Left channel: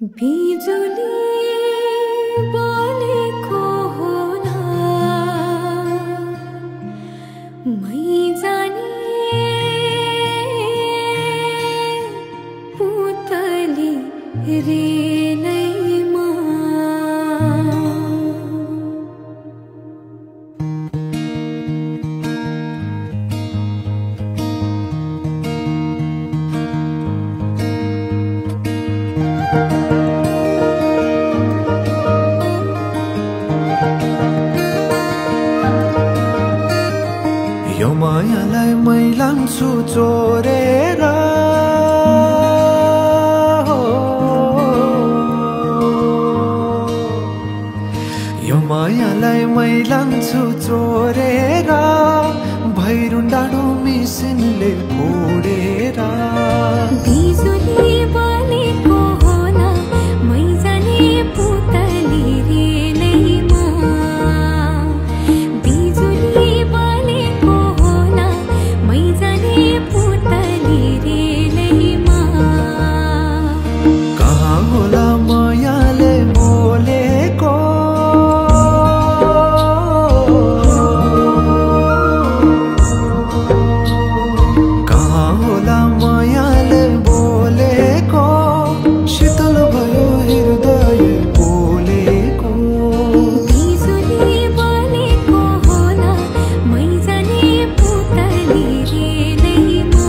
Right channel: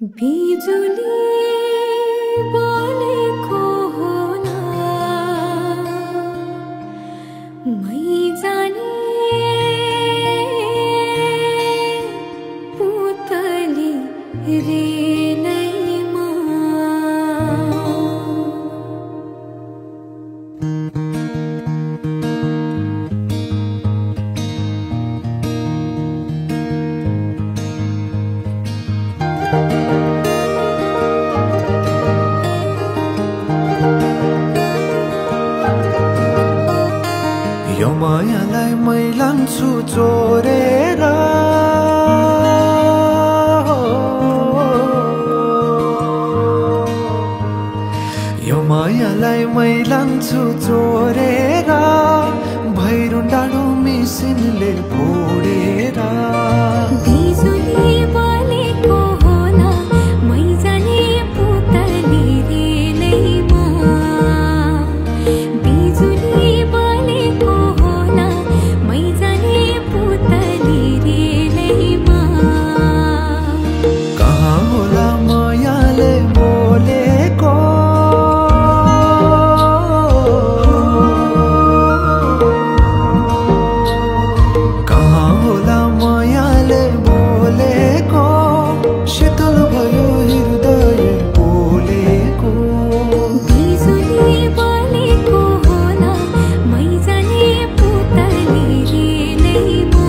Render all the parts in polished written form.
बिजुली बोलेको होला मै जाने पुतली रेलैमा यो मायालाई मै लान्छु चोरेर यो मायालाई मै लान्छु चोरेर भैरुन डाँडो मिसिनले फोडेर बिजुली बोलेको होला मै जाने पुतली रेलैमा बिजुली बोलेको होला मै जाने पुतली रेलैमा कहाँ होला मायाले बोलेको कहाँ होला मायाले बोलेको शीतल भयो हृदय बोलेको बिजुली बोलेको होला मै जाने पुतली रेलैमा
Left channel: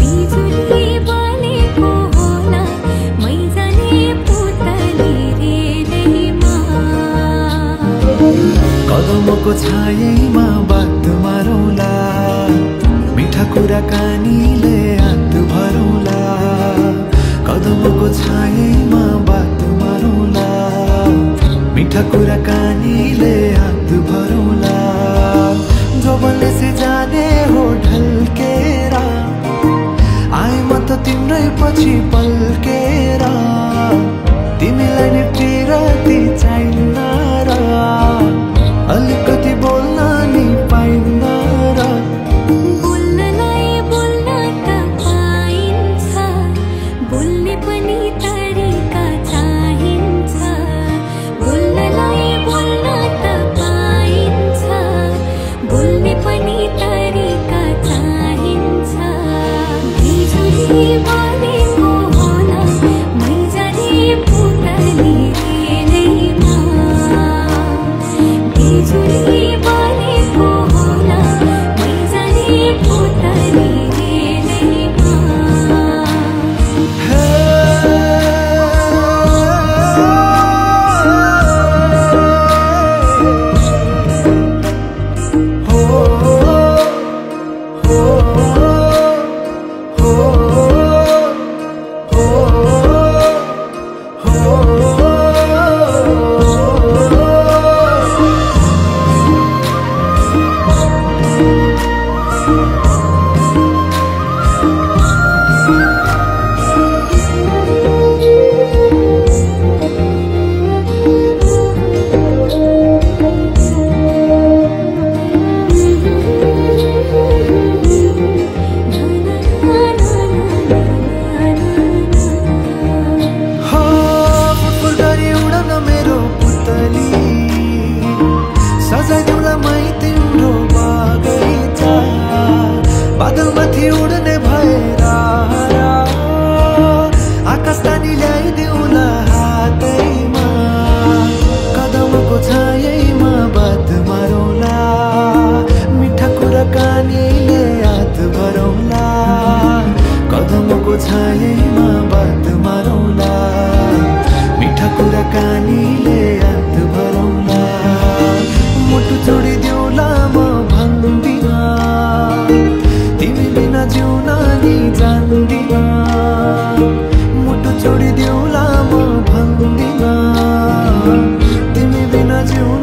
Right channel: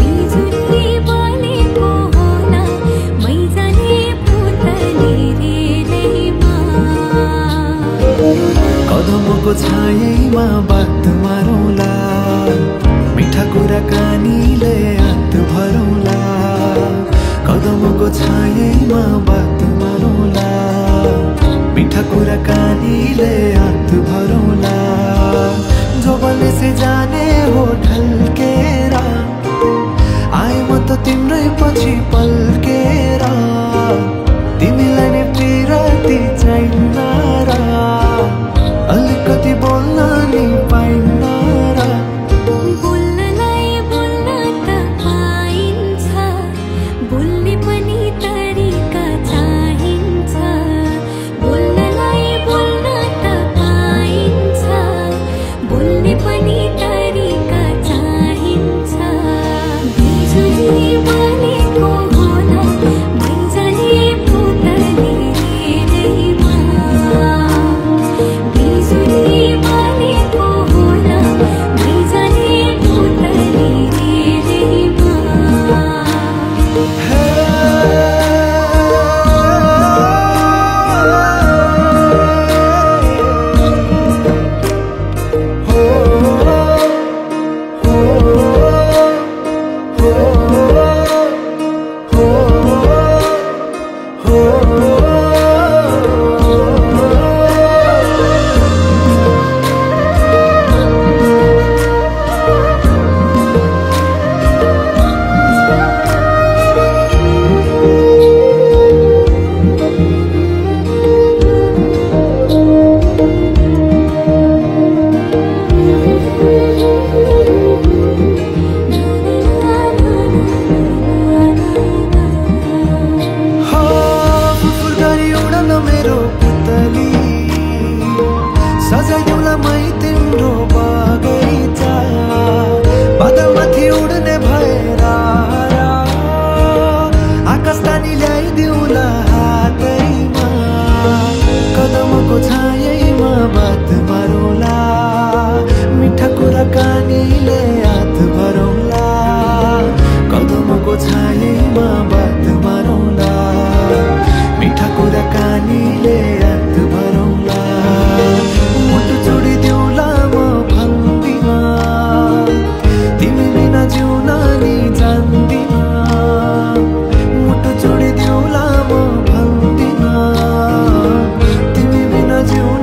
बिजुली बोलेको होला मै जाने पुतली रेलैमा कदमको छायैमा बात मारौला मिठा कुराकानीले हात भरौला कदमको छायैमा बात मारौला मिठा कुराकानीले हात भरौला जोबलले से जाने हो ढल्केर आए म त तिम्रै पछि पल्केर तिमीलाई नि प्रियति चाहिन्न र अलिकति बोल्न नि पाइन्न र बोल्नलाई बोल्न त पाइन्छ बोल्ने पनि तरिका चाहिन्छ बोल्नलाई बोल्न त पाइन्छ बोल्ने पनि तरिका चाहिन्छ बिजुली बोलेको होला मै जाने पुतली रेलैमा बिजुली बोलेको होला मै जाने पुतली रेलैमा हे हो हो हो हो हो फुरफुर गरी उडन मेरो पुतली सजाइदिउँला मै तिम्रो बगैँचा बादलमाथि उड्ने भएर आकाश तानी ल्याइदिउँला हातैमा कदमको छायैमा बात मारौला मिठा कुराकानीले हात भरौला कदमको छायैमा बात मारौला मिठा कुराकानीले हात भरौला मुटु छोडिदेऊला म भन्दिन तिमी बिना जिउन नि जान्दिन मुटु छोडिदेऊला म भन्दिन तिमी बिना जिउन